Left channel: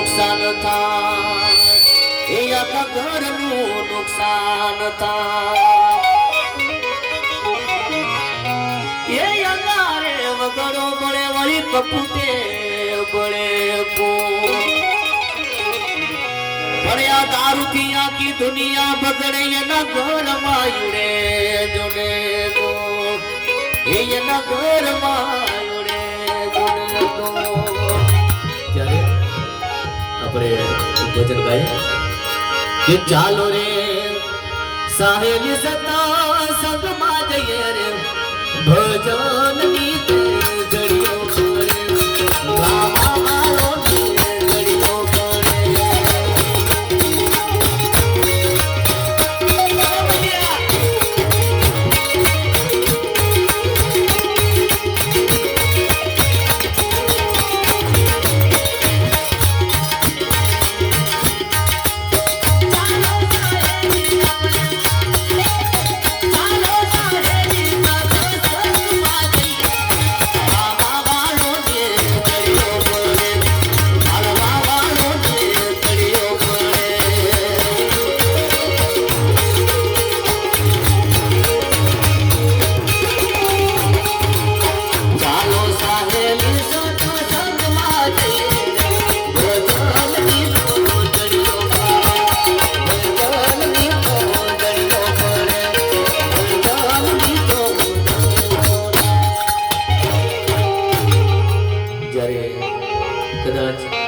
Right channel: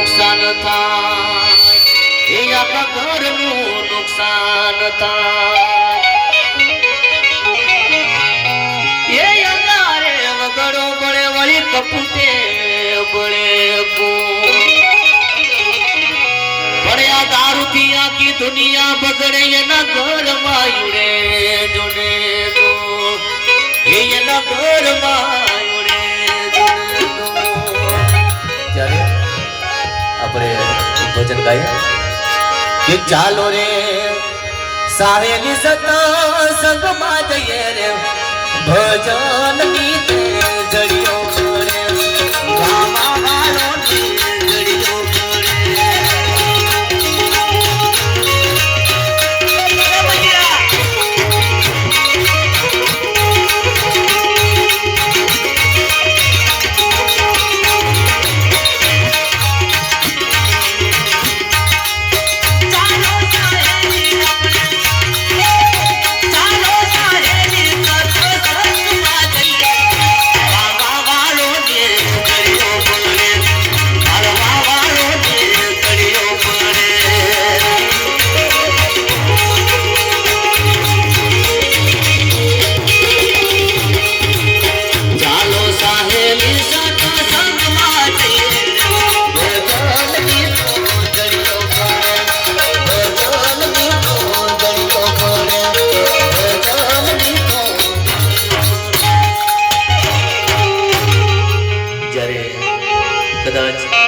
નુકસાન થાય. એ આખા ઘરનું નુકસાન થાય. એ અંધારે વગડો બળે, વળી કપૂટે બળે પણ આ દારૂથી આખી દુનિયા બગડે, એના ઘરમાં યુડે જોડે એના ઘરમાં યુડે જોડે આપણે ભજન ગાઈએ. કે ચાલો રે સાહેલી સતા સંગમાં જઈએ રે. ભજન ગીતે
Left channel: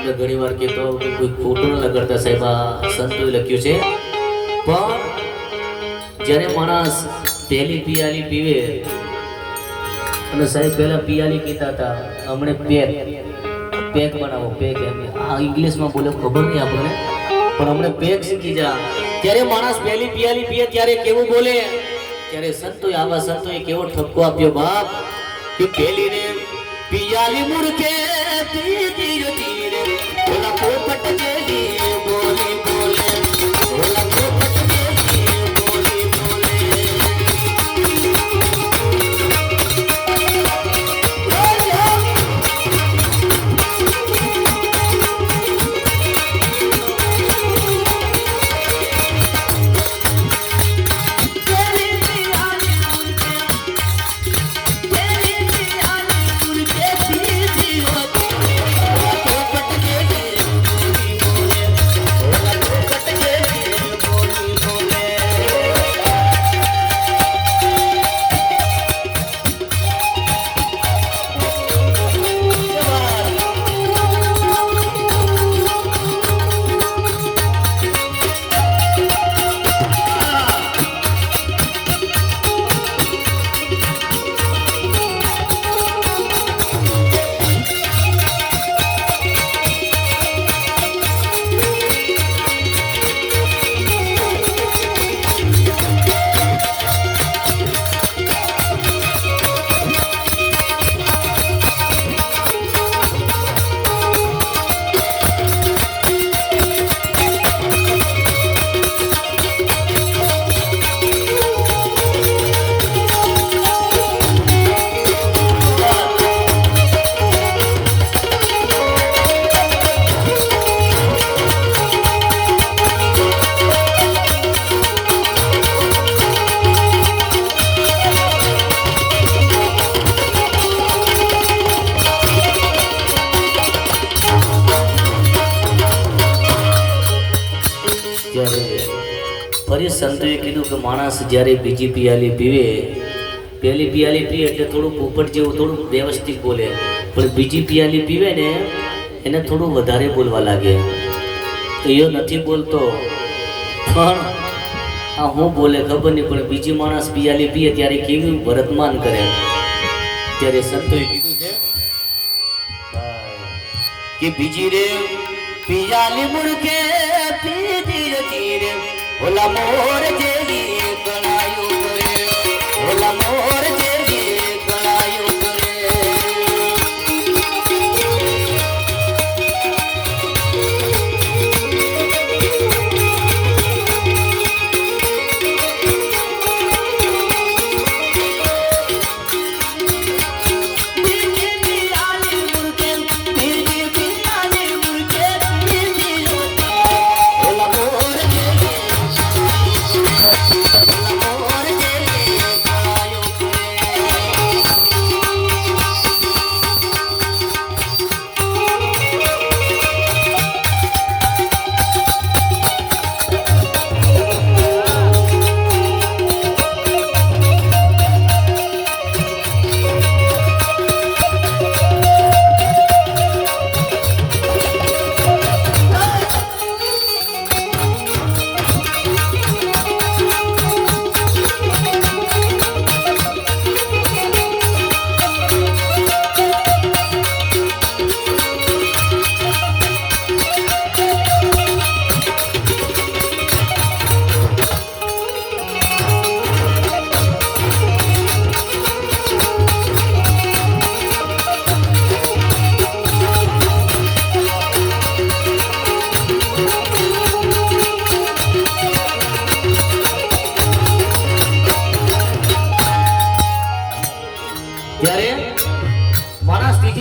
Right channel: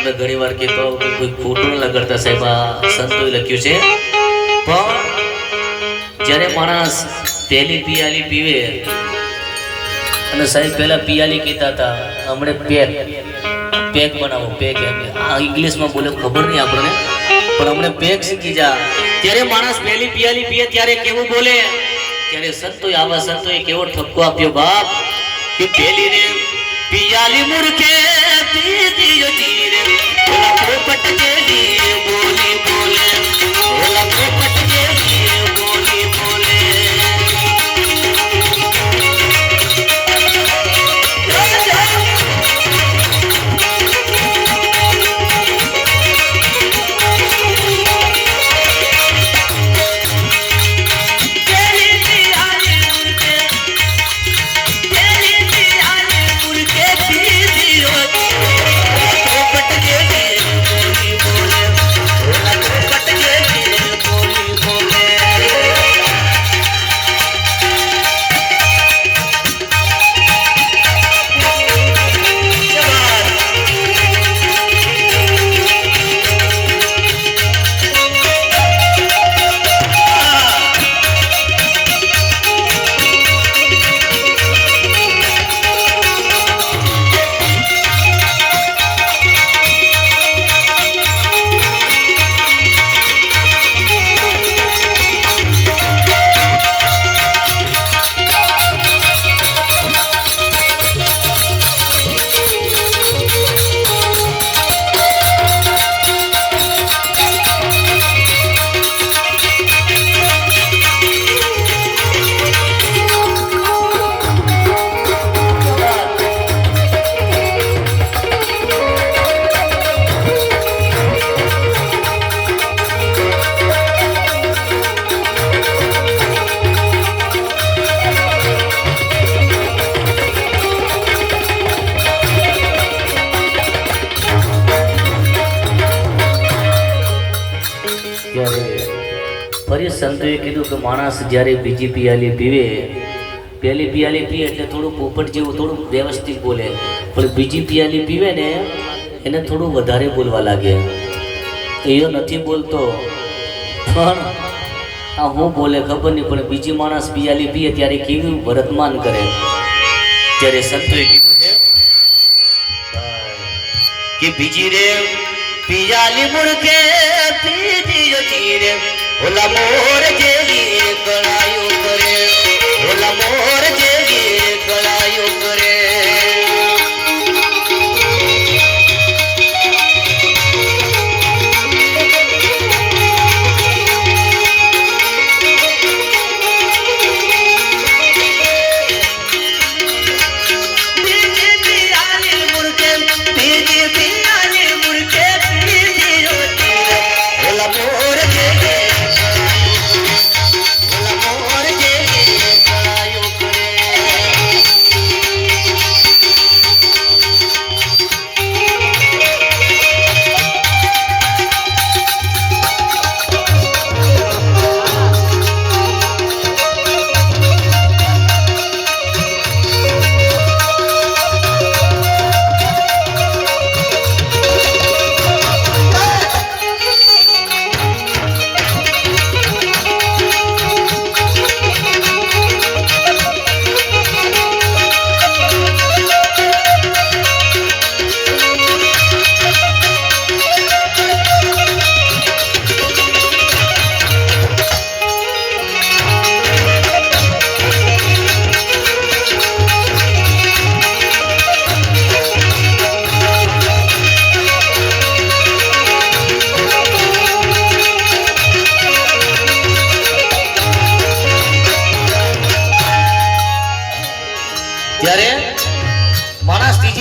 મેં ઘણી વાર કહેતો કોઈ ખોટું ન કરતા સાહેબ, આ સંતોએ લખ્યું છે. પણ જ્યારે માણસ તેલી પિયાલી પીવે, અને સાહેબ પહેલા પિયાલી કહેતા હતા, હમણે પેક પેક બનાવો, પેક એમ. આ ઇંગ્લિશમાં બોલે, ખબર નહીં આપણને. પણ હમણે પેક શીખી જા. ત્યારે માણસ પહેલી પિયાલી પીએ, ત્યારે કેવું બોલે? ત્યારે સંતોએ, આવા સંતોએ કેવો ઠપકો આપ્યો, બાપ, કે પેલી ને પિયાલી મુરકે પી હતી. રે ઓલા પોપટ સંતોએ કીધું કે માણસ જ્યારે બીજી પિયાલી પીવે પહેલી પિયાલી પીએ એટલે થોડું પોપટ જેવું થોડું વ્યવસ્થિત બોલે. પણ બીજી પિયાલી પીવે ને, એને થોડું વધારે બોલવા લાગે. એયો નથી બોલતો. પણ આ હું બોલે ખબર નહીં, પણ બીજી માણસ પિયાલી પીએ ત્યારે કેવું વર્તમાન કરે. ત્યારે સંતોએ કીધું છે, કે બીજી રે, પિયાલી મુડકે પીધી હતી રે. ઓલા મોર જેવી ગળાયો કરે ઓલા મોર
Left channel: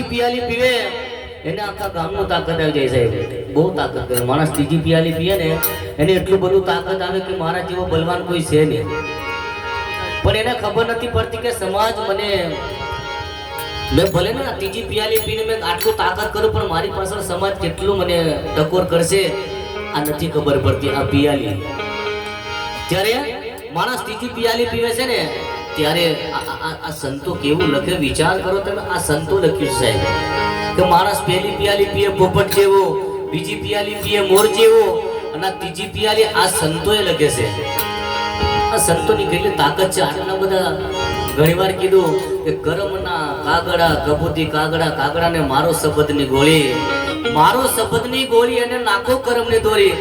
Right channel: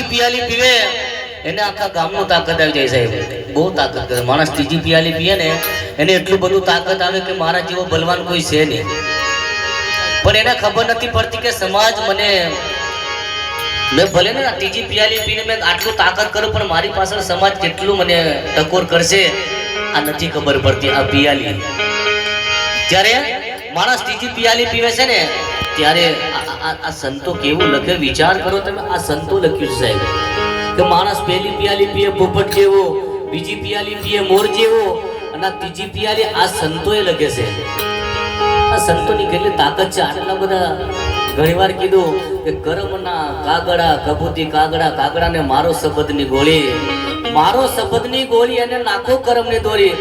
પિયાલી પીવે, એને આખા ગામનું તાકાત આવી જાય સાહેબ. બહુ તાકાત કરે. માણસ ત્રીજી પિયાલી પીએ ને, એને એટલું બધું તાકાત આવે કે મારા જેવો બલવાન કોઈ છે નહીં. પણ એને ખબર નથી પડતી કે સમાજ મને, મેં ભલે ને ત્રીજી પિયાલી પીને મેં આટલું તાકાત કરું, પણ મારી પાછળ સમાજ કેટલું મને ટકોર કરશે, આ નથી ખબર પડતી, આ પિયાલી. જ્યારે માણસ ત્રીજી પિયાલી પીવે છે ને ત્યારે આ- સંતો કેવું લખે? વિચાર કરો તમે, આ સંતો લખ્યું છે સાહેબ. કે માણસ પહેલી પિયાલી પીએ પોપટ જેવો, બીજી પિયાલી પીએ મોર જેવો, અને ત્રીજી પિયાલી આ સંતોએ લખે છે. આ સંતોની કેટલી તાકાત છે? આટલા બધા ઘણીવાર કીધું કે કરમના કાગડા કબૂતી કાગડા, કાગડાને મારો શબ્દની ગોળી, મારો શબ્દની ગોળી અને નાખો કરમની દોરી.